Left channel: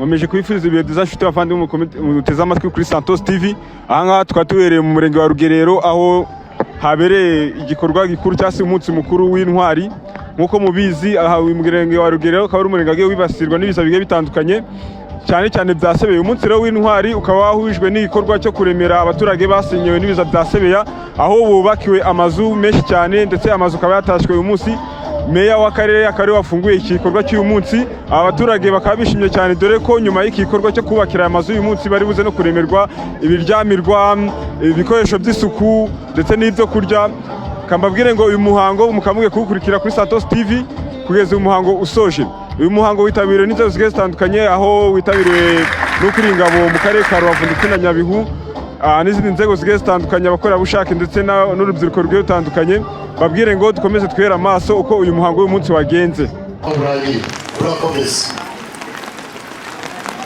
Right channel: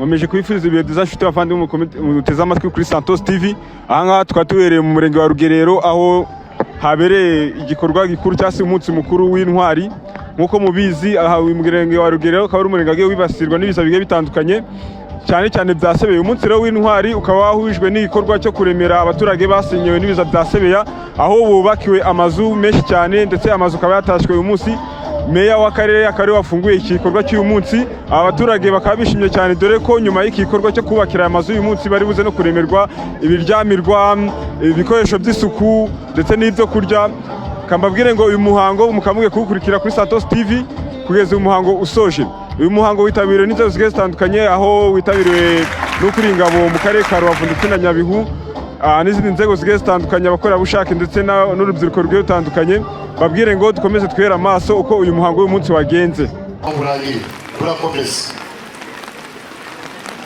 nkomeje kwifuriza ibihe byiza nshuti bavandimwe muteze amatwi kuri Santos TV. Aha twatubereye mu murenge wa Rugerero aho habereye igikorwa gikuru cyase umunsi mukuru w'intwari. Nkuko mubizi aha mu murenge wa Rugerero akaba ari umurenge agiye wibasirwa n'ibiza bigiye bitandukanye cyane byasebeye. Umunsi rero w'intwari ukaba wahujwe n'igikorwa cyo kuremera abaturage basenyewe n'ibiza byasebeya, aho bubakiwe amazu menshi cyane ndetse amazu akaba yatashwe uyu munsi. Meya w'akarere akari wafunguye iki gikorwa cy'uyu munsi, abaturage bakaba bishimye cyane dore ko nyuma y'iki gikorwa cyo kubakira amazu uyu munsi bari buze no kuremerwa ibiryamirwa, ibikoresho by'isuku ndetse n'ibyo kurya. Kambabwire ngo uyu muhango mukamuge kuwukurikira kuri Santos TV kugeza uyu muhango usoje. Uyu muhango witabiriwe n'inzego zigiye zitandukanye, aho witabiriwe n'ukuri ingabo mu karere ka Rubavu ndetse na Nyabihu, n'izindi nzego zigiye zitandukanye, abakorerabushake ndetse n'urubyiruko rugiye rutandukanye. Babwire ngo dukomeze twera amaso uko uyu muhango w'uyu munsi wagenze. Urakomeza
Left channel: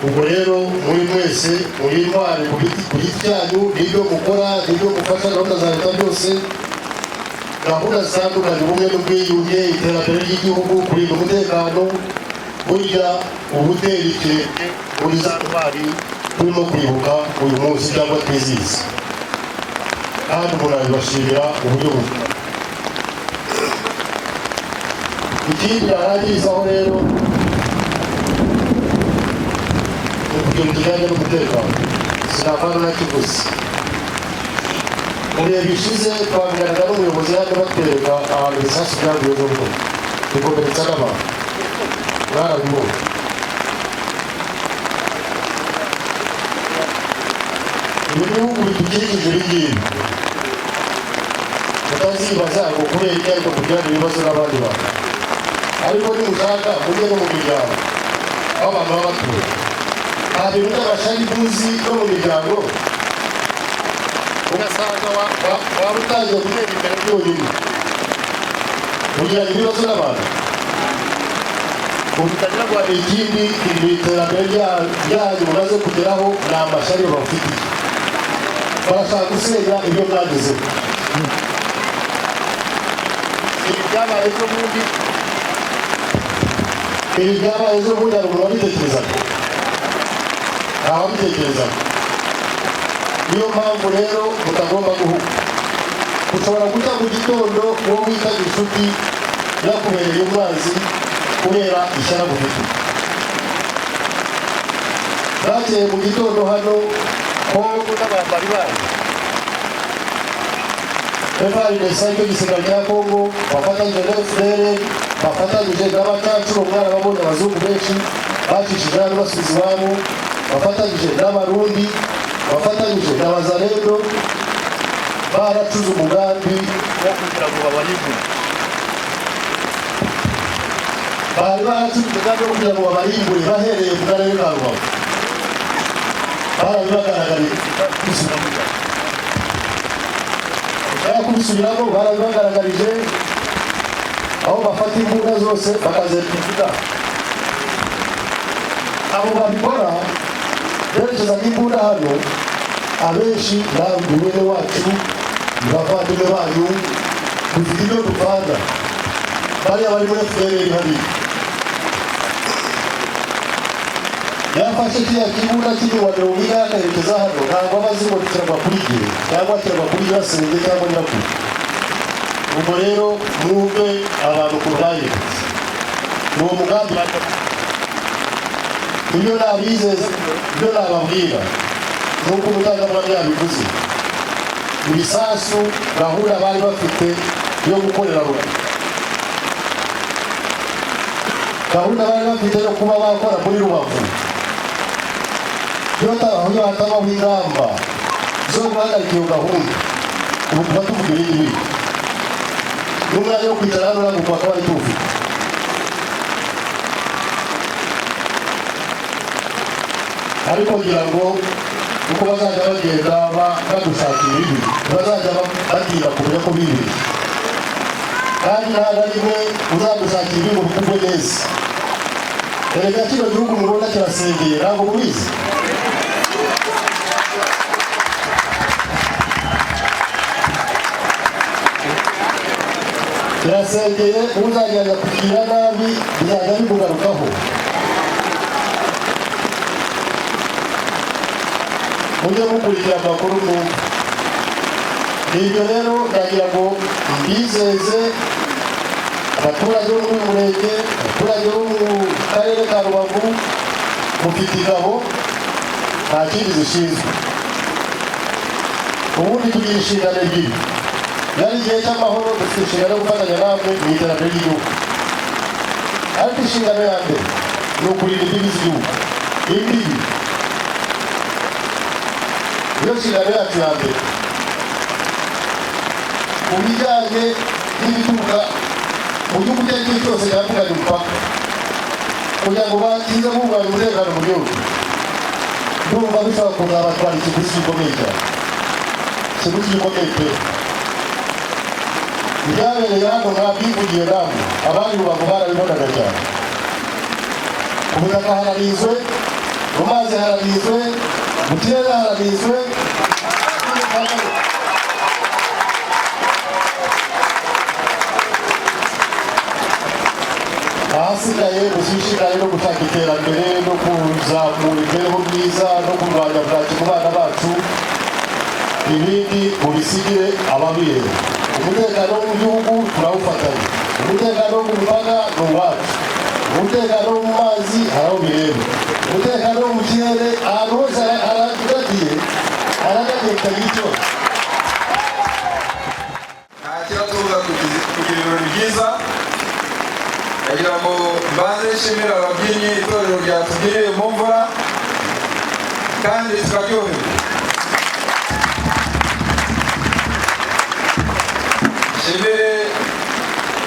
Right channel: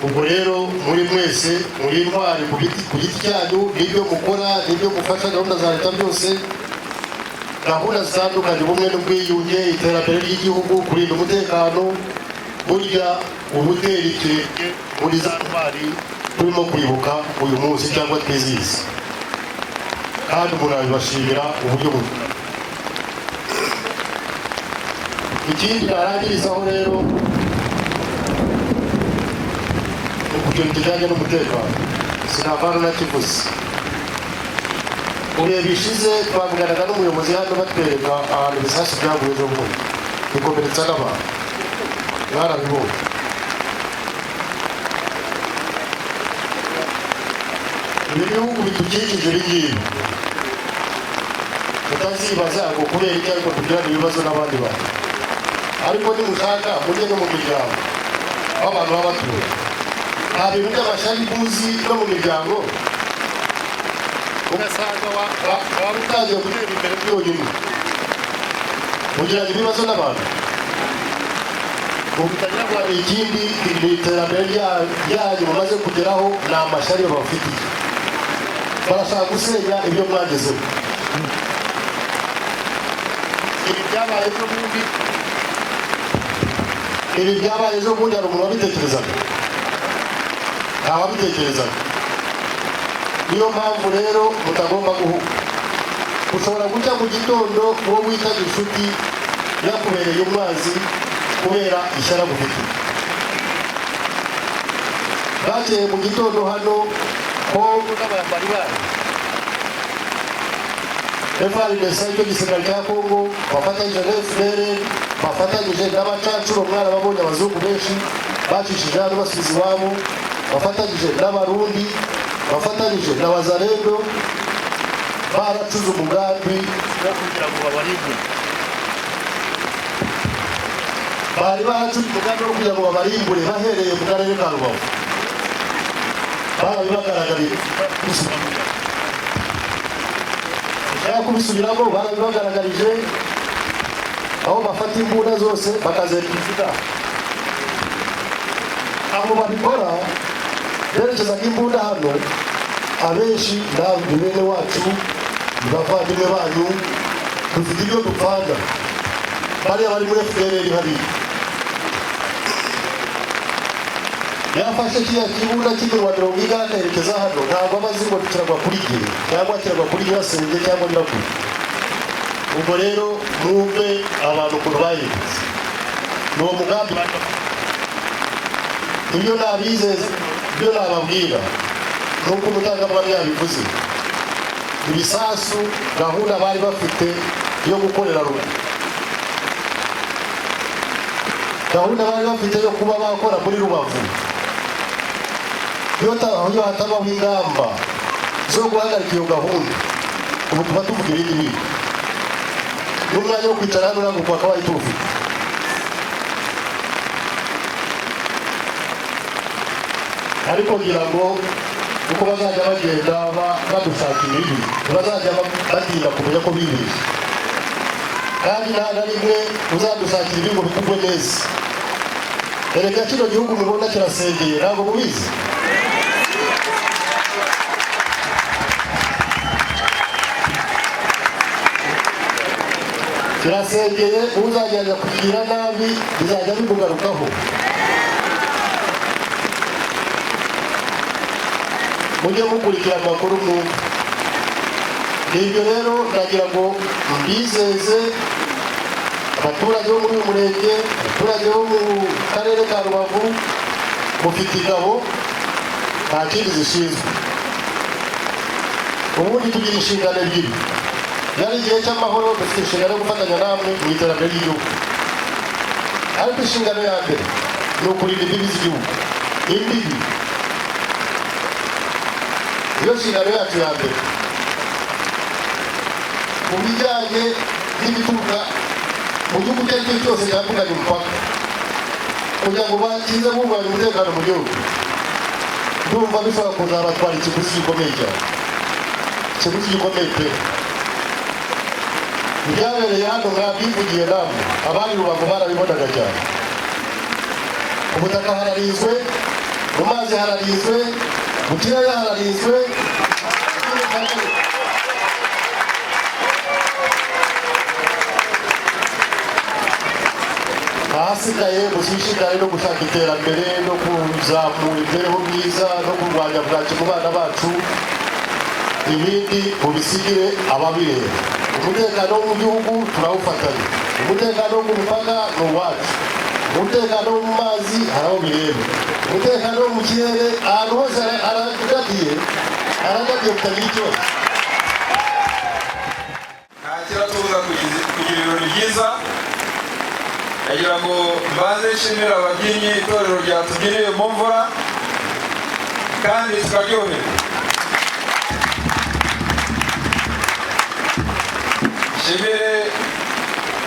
ubwo rero muri mwese muri intwari ku giti cyanyu n'ibyo mukora n'ibyo mufasha gahunda za leta byose, gahunda zitandukanye, ubumwe n'ubwiyunge, iterambere ry'igihugu, kurinda umutekano. Burya ubutera ikirenge muri za ntwari turimo kwibuka uyu munsi cyangwa twizihiza, kandi murabibashimira uburyo bukora. Ikindi barangirizaho rero ibyo bijyanye n'umutekano sinavanga na kivuze. Mu bihe bishize twavuganaga n'umuyobozi hano batwereka abantu ibisasu byaguye zo mu bikomeretsa n'abantu, mwarabibonye. Ibi bihugu bidukikije ibingibi mutazibaza ngo kubera iki ariko kugirana ibibazo n'abandi bantu, ariko nimushaka mujye no mu miryango aho abantu baba batuye. Nta bintu by'abashaka ibuzi no mu miryango ugasanga waba utangiye gutera imbere byonyine kugirana ibibazo n'abantu, mutagira ngo hari ikindi iterambere ryanyu mumaze kugeraho ni amashyari bafitiye, barashaka gusenya ibyo mwagezeho. Ibi byabaye ejo bundi hari umuntu wabitekerezaga, ntawabitekerezaga. Niyo mpamvu rero mutagomba guhuga. Ushobora guca mu gitondo uwo witaga inshuti yakubereye umwanzi kubera ishyara gufite. Bakeye mu gitondo hano Kongo n'abambari bayo FARDC igisirikare cya Kongo bafatanyije na FDL, bafatanyije n'abacancuro mwarababonye abazungu benshi bacishije hano basubiza iwabo, bafatanyije n'abarundi, bafatanyije na Wazalendo, baracuze umugambi wo kugira ngo babarimbure. Bari baracuze umugambi wo kugira ngo babarimbure bahereye mu karere ka Rubavu. Barabibagaragariye kubisubiramo, barabibagaragarije aho bafata imbunda zose bakazereka. Abo babikora berekeza n'imbunda hano, abenshi namwe bene wacu bavandimwe banyu dufite ibyo dupanga, bariya bari muri FDL hariya. Yafashe kiriya kibuga cy'imirwaniro wiga akerekeza hano, ntabwo abazi ngo kiragwa kuri gihe cyangwa kiragwa kuri Nyirasenge cyangwa Nyirabukuru. Ubwo rero mwumve abantu ukuntu bayibutse ni uwo mugambi baje. Ibyo nabizeza, ibyo nababwira nuko umutangabuhamya yabivuze. Ibisasu gahunda bari bafite yo gukorera Rubavu, gahunda bari bafite yo kuba bakora muri Rubavu, iyo hatabaho ingamba zo guhagarika iyo gahunda, ubu tuba tuvuga ibindi bintu. N'umwanya wo kwicara hano ntabwo bakaba bari tuwufite. Ariko kugira ngo uko bazajya bagenda badushakira ibi, bazajya batinda kumenya ko bibeshye, kandi nta na rimwe uzagushakira ibi ngo bikugwe neza. Erega kino gihugu murabona kirasengeye, ntabwo mubizi. Kirasengeye, uzagenda kugira nabi bizajya bimugarukaho. mujye mukurikira amakuru mwumva. Ibyo rero ndagira ngo mbizeze abaturage bo muri uyu murenge, abaturage bo mu karere ka Rubavu, mufite ingabo nta kindi zishinzwe. Ubundi tugira inshingano ebyiri. Yari igihe cy'amahoro dufite inshingano yo gufatanya namwe mu iterambere ry'igihugu. Ariko inshingano ya mbere ni ukurinda imbibi z'igihugu. Imbibi niyo nshingano yacu ya mbere. Mu bijyanye n'ibituruka mu gihugu icyo ari cyo cyose cyambukanye umupaka, kugira ngo bakize bubahiriza umutekano mu gihugu, ndumva bishobora kuzabatwara ikiguzi gikomeye cyane. Ikiguzi gikomeye pe. Ibyabereye hano mwabyivugiye namwe, abandi Rubavu barabibonaga cyane. Ku butaka hararinzwe, mu mazi hararinzwe, mu kirere hararinzwe. Ahasigaye gushishikara no gushaka iterambere no kuzamura imibereho myiza no kurwanya bwaki mu bana bacu, ibindi mubisigire ababireba. Umutekano wo mu gihugu turawufatanya, umutekano wo mu mipaka ni uwacu, umutekano wo mu mazi haraho bireba, umutekano wo mu kirere ahantu hose haragadiye kutagira ikibazo. Nta kiratubuza kugira ibirori byiza. Ndagira ngo mbanze nshimire ababyinnyi itorero ryatugiriye mu mvura kandi tukaryoherwa. Nshimire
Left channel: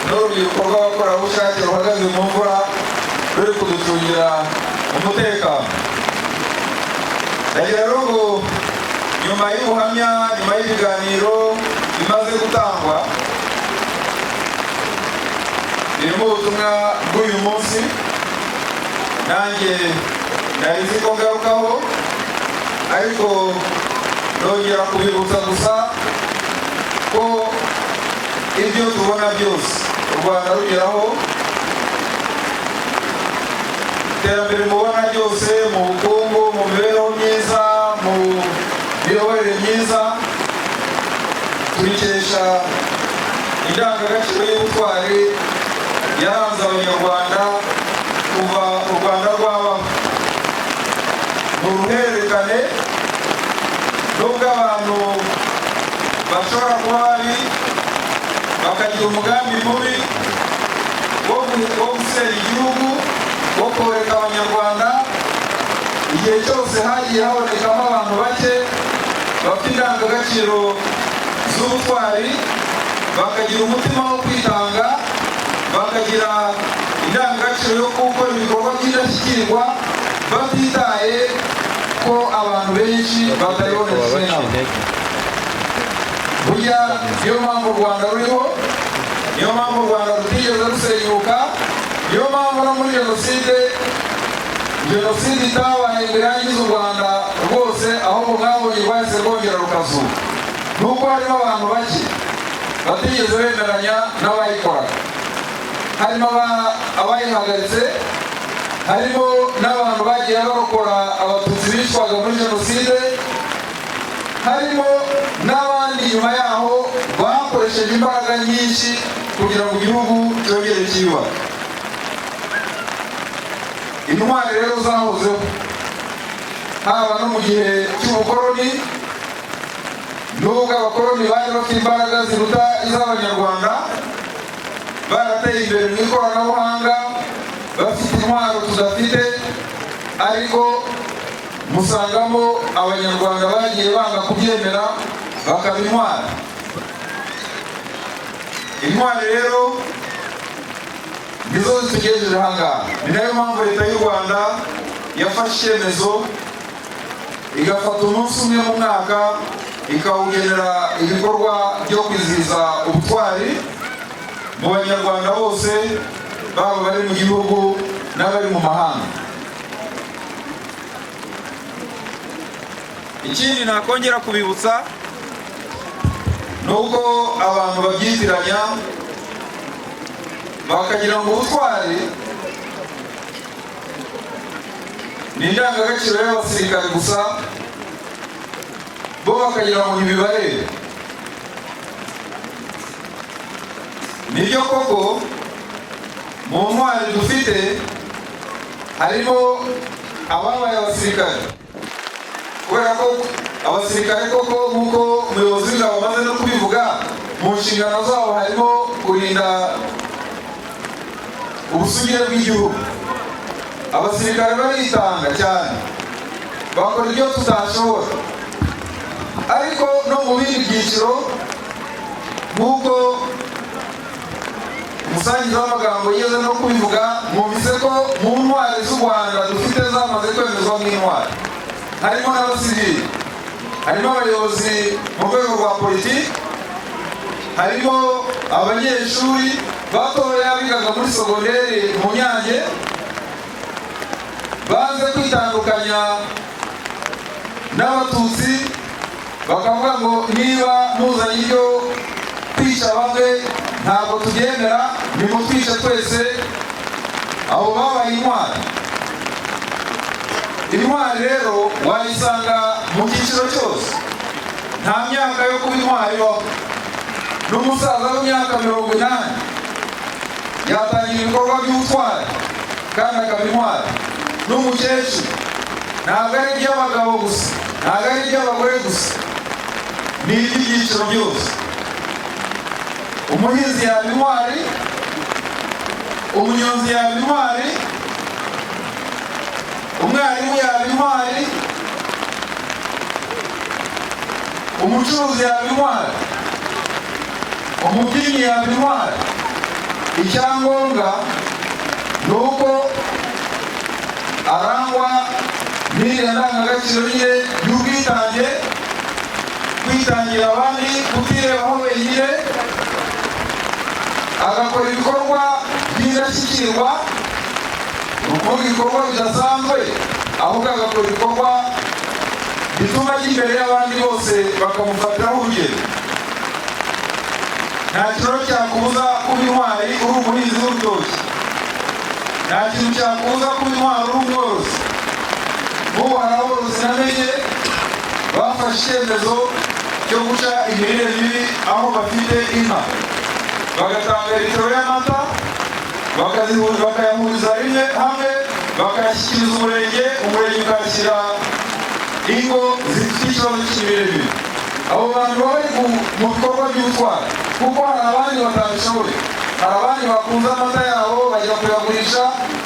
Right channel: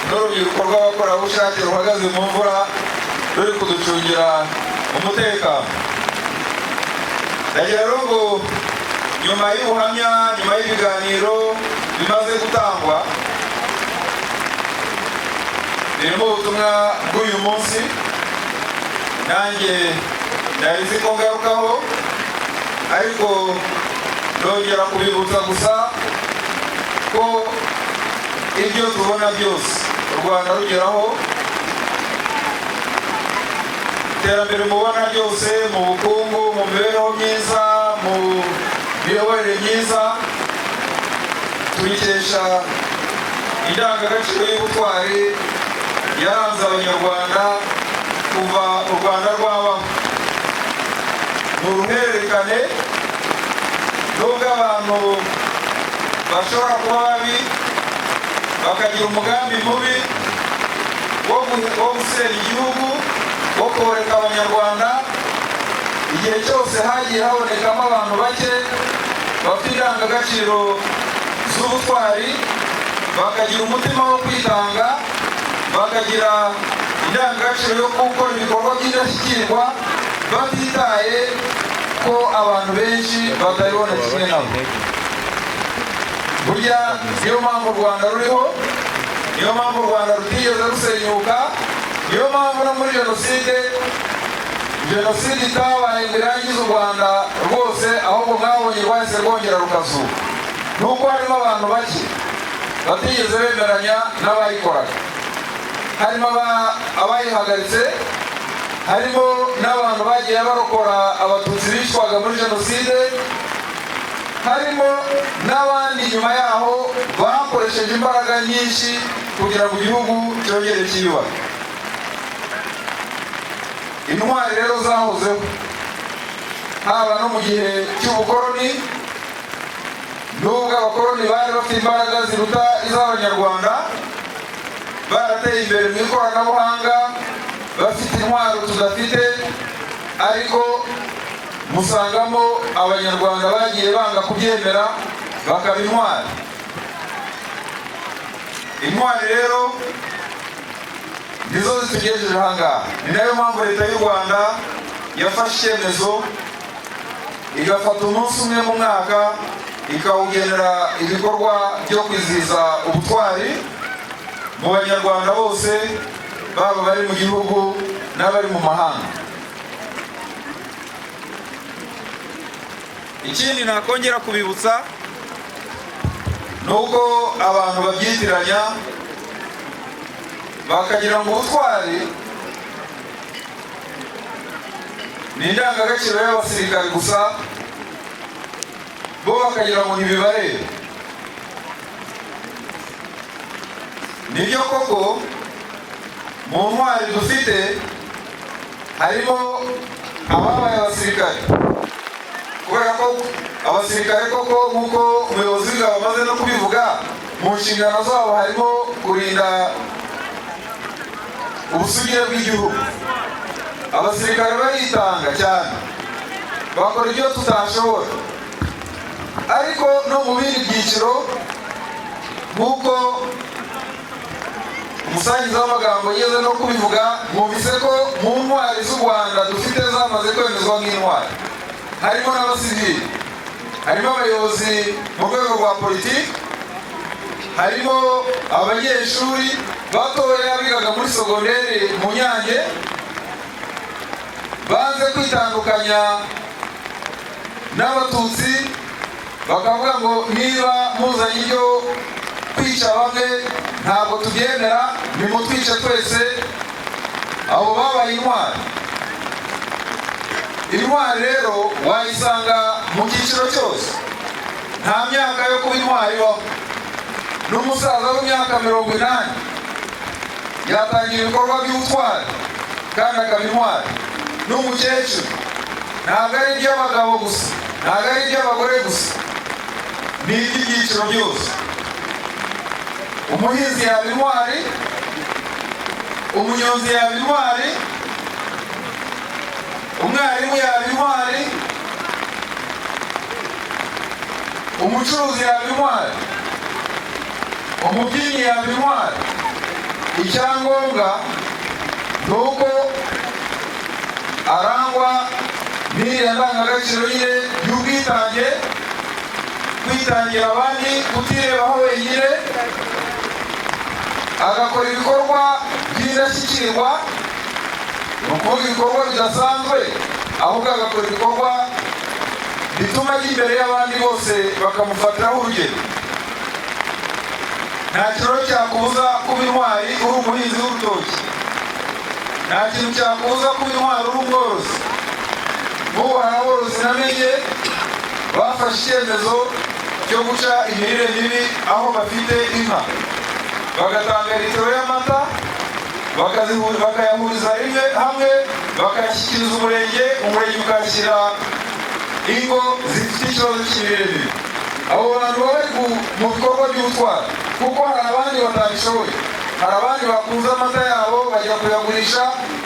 n'urubyiruko rw'abakorerabushake ruhagaze mu mvura ruri kuducungira umutekano. Ndagira rero ngo nyuma y'ubuhamya, nyuma y'ibiganiro bimaze gutangwa, birimo ubutumwa bw'uyu munsi, nanjye nari nzi ko ngarukaho, ariko nongera kubibutsa gusa ko ibyo tubona byose u Rwanda rugeraho, iterambere mubona ryose mu bukungu, mu mibereho myiza, mu miyoborere myiza, tubikesha indangagaciro y'ubutwari yaranze abanyarwanda kuva u Rwanda rwabaho. Ni uruhererekane, nubwo abantu bashobora kuba babi bakagira umugambi mubi wo gusenya igihugu, wo koreka abanyarwanda, igihe cyose hagiye habonekamo abantu bake bafite indangagaciro z'ubutwari, bakagira umutima wo kwitanga, bakagira indangagaciro yo gukora ibikorwa by'indashyikirwa batitaye ko abantu benshi batabiboneshejwe nabo. Burya niyo mpamvu u Rwanda ruriho, niyo mpamvu u Rwanda rutigeze rusenyuka, niyo mpamvu no muri jenoside itabaye ngo irangize u Rwanda rwose, ahubwo mwabonye rwahise rwongera rukazuka. Nuko harimo abantu bake batigeze bemeranya n'abayikoraga, harimo abayihagaritse, harimo n'abantu bagiye barokora abatutsi bicwaga muri jenoside, harimo n'abandi nyuma yaho bakoresheje imbaraga nyinshi kugira ngo igihugu cyongere cyiyubake. Intwari rero zahozeho haba no mu gihe cy'ubukoloni, nubwo abakoloni bari bafite imbaraga ziruta iz'abanyarwanda, barateye imbere mu ikoranabuhanga, bafite intwaro tudafite, ariko musangamo abanyarwanda bagiye banga kubyemera bakaba intwari. Intwari rero nizo zitugejeje ahangaha. Ni nayo mpamvu leta y'u Rwanda yafashe icyemezo igafata umunsi umwe mu mwaka ikawugenera ibikorwa byo kwizihiza ubutwari mu banyarwanda bose, baba bari mu gihugu n'abari mu mahanga. Ikindi nakongera kubibutsa ni uko abantu babyitiranya bakagira ngo ubutwari ni indangagaciro y'abasirikare gusa, bo bakagira ngo ntibibarebe. Nibyo koko mu ntwari dufite harimo ababaye abasirikare, kubera ko abasirikare koko nk'uko umuyobozi w'ingabo amaze no kubivuga, mu nshingano zabo harimo kurinda ubusugire bw'igihugu. Abasirikare baritanga cyane, bakora ibyo tutashobora, ariko no mu bindi byiciro nk'uko umusangiza w'amagambo yigeze no kubivuga, mwumvise ko mu ntwari z'u Rwanda dufite zamaze kwemezwa nk'intwari harimo n'abasivili, harimo abayobozi mu rwego rwa politiki, harimo abanyeshuri batoya bigaga muri sogonderi mu Nyange banze kwitandukanya n'abatutsi, bakavuga ngo niba muzanye ibyo kwica bamwe ntabwo tugendera, nimutwice twese. Abo babaye intwari. Intwari rero wayisanga mu cyiciro cyose, nta myaka yo kuba intwari ibaho. N'umusaza w'imyaka 80 yatangira ibikorwa by'ubutwari kandi akaba intwari. N'umukecuru, ntabwo ari iby'abagabo gusa, ntabwo ari iby'abagore gusa, ni iby'ibyiciro byose. Umuhinzi yaba intwari, umunyonzi yaba intwari, umwarimu yaba intwari, umucuruzi yaba intwari, umubyinnyi yaba intwari. Icyangombwa ni uko arangwa n'iriya ndangagaciro nyine y'ubwitange, kwitangira abandi, kutirebaho wenyine, agakora ibikorwa by'indashyikirwa, ni ukuvuga ibikorwa bidasanzwe, ahubwo agakora ibikorwa bituma ajya imbere y'abandi bose bakamufatiraho urugero. Nta kintu cyakubuza kuba intwari uri umuhinzi w'urutoki, nta kintu cyakubuza kuba intwari uri umworozi. N'ubu hari aborozi namenye bafashe icyemezo cyo guca imirire mibi aho bafite inka, bagatanga litiro y'amata bakayahuriza rimwe hamwe, bakayashyikiriza umurenge ukashyira ingo zifite ikibazo cy'imirire mibi. Abo bantu baba bari mu bikorwa by'ubutwari, kuko hari abandi batabishoboye, hari abandi bakunze amata yabo bajya kuyagurisha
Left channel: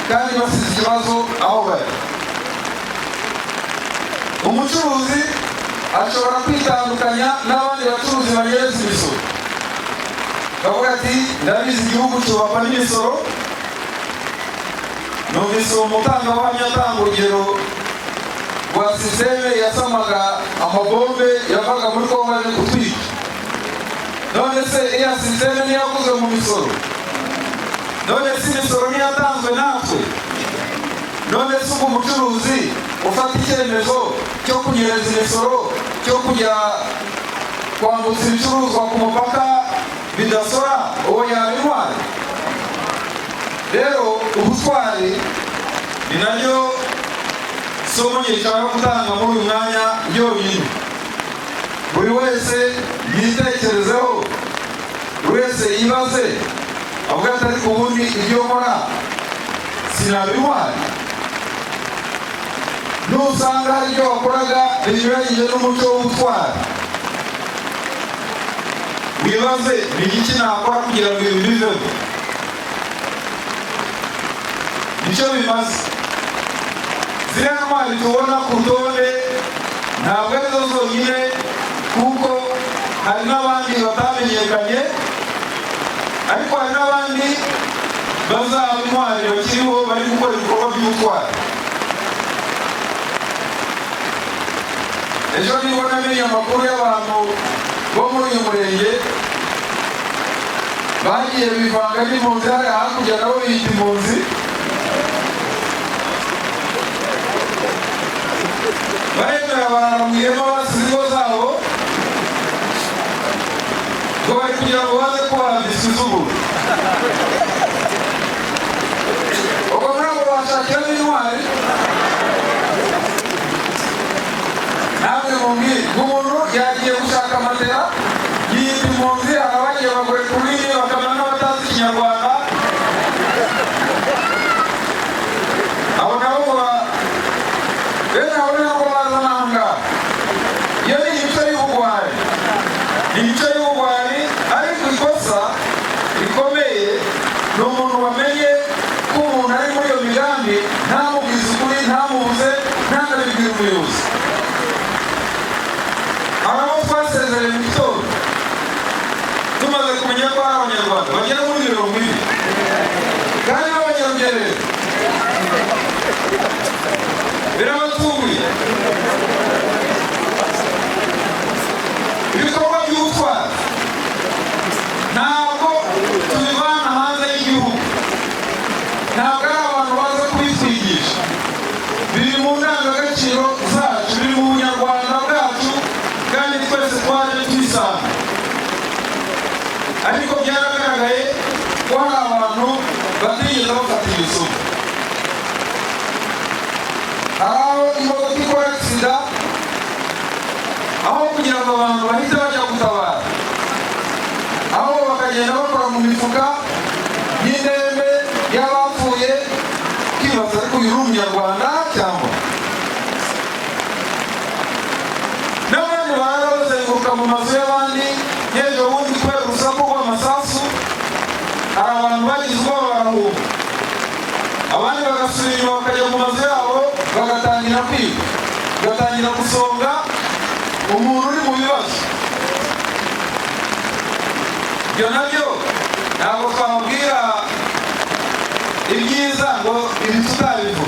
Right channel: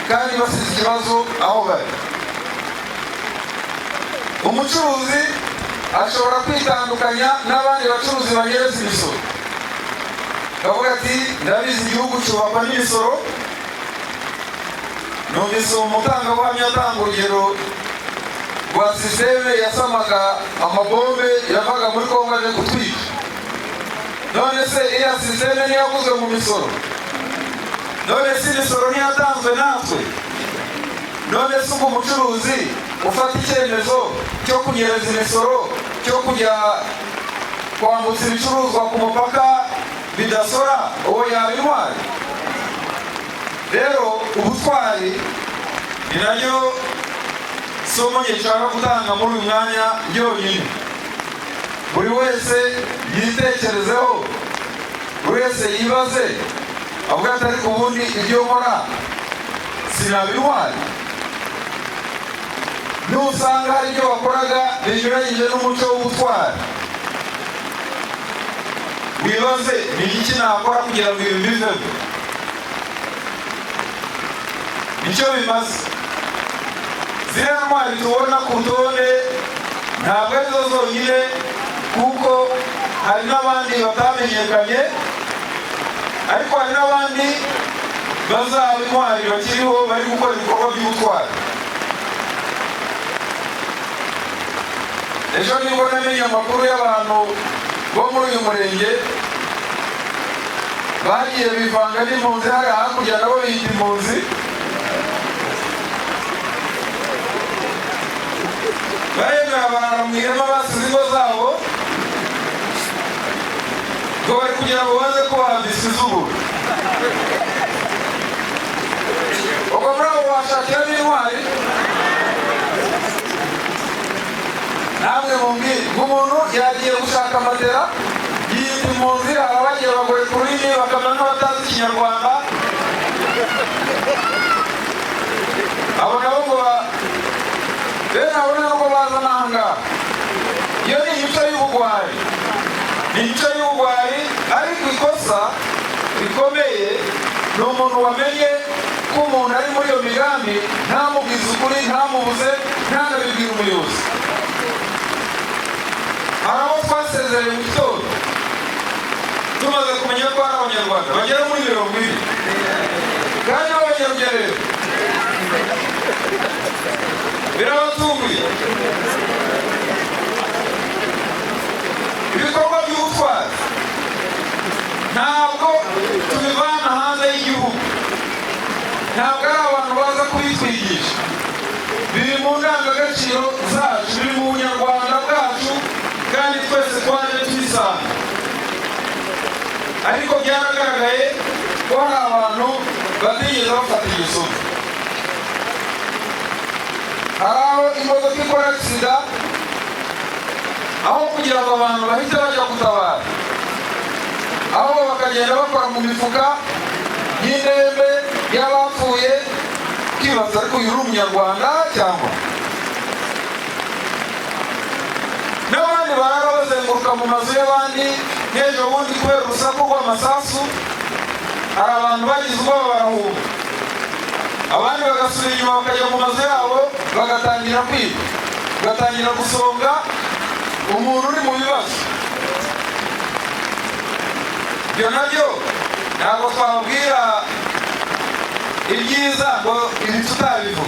kandi basize ikibazo aho bari. Umucuruzi ashobora kwitandukanya n'abandi bacuruzi banyereza imisoro, akavuga ati ndabizi igihugu cyubakwa n'imisoro. Numvise uwo mutangabuhamya atanga urugero rwa sisiteme yasamaga amabombe yavaga muri Kongo aje kutwica. None se iya sisiteme ntiyakozwe mu misoro? None se imisoro ntiyatanzwe natwe? None se ubwo umucuruzi ufata icyemezo cyo kunyereza imisoro, cyo kujya kwambutsa ibicuruzwa ku mupaka bidasora, uwo yaba intwari? Rero ubutwari ni naryo somo nshaka gutanga muri uyu mwanya ryonyine. Buri wese yitekerezeho, buri wese yibaze, avuga ati ariko ubundi ibyo nkora sinaba intwari? Nusanga hari ibyo wakoraga binyuranyije n'umuco w'ubutwari, wibaze ni iki nakora kugira ngo ibintu biveho. Nicyo bimaze. Ziriya ntwari tubona ku rutonde ntabwo ari zo zonyine, kuko hari n'abandi batamenyekanye, ariko hari n'abandi bazaba intwari bakiriho bari gukora ibikorwa by'ubutwari. Ejo niba namenye amakuru y'abantu bo muri uyu murenge bagiye bivanga n'impunzi hariya hakurya, nabo biyita impunzi, baremera barara mu ihema basize ingo zabo, ngo bari kugira ngo baze kubaha biswi z'uburu. Ubwo muri abo bashakiramo intwari, namwe mumbwire, umuntu ashaka amatera yindi impunzi, hari abagiye bagura ku rurimi bakamera n'abatazi ikinyarwanda. Abo nabo ngo bene abo nabo baza n'ahangaha. Iyo ni imico y'ubugwari, ni imico y'ubugwari, ariko ikosa rikomeye ni umuntu wamenye ko umuntu ari muri iyo migambi ntamubwize ukuri, ntamubuze, ntanabibwire umuyobozi. Hari abo twasezeranye mu gitondo tumaze kumenya ko ari abanyarwanda bagera muri 20 kandi b'abanyarugerero, birabatunguye. Ibikorwa by'ubutwari ntabwo tubivana hanze y'igihugu, ntabwo ari abantu baza kubitwigisha, biri mu ndangagaciro zacu, biri mu bunyarwanda bwacu, kandi twese twaje tubisanga. Ariko byaragaragaye ko hari abantu batigeze bafata iyo somo. Hari aho imodoka ikora agisida, aho kugira ngo abantu bahite bajya gutabara, aho bakagenda bakora mu mifuka y'indembe y'abapfuye, ukibaza ariko uyu ni umunyarwanda cyangwa? N'abandi barara bazenguruka mu mazu y'abandi nk'ejo bundi kubera urusaku rw'amasasu, hari abantu bagize ubwoba barahunga, abandi bagasubira inyuma bakajya mu mazu yabo bagatangira kwiba, bagatangira gusonga umuntu uri mu bibazo. Ibyo nabyo ntabwo twababwira ibyiza ngo ibi tutabivuga.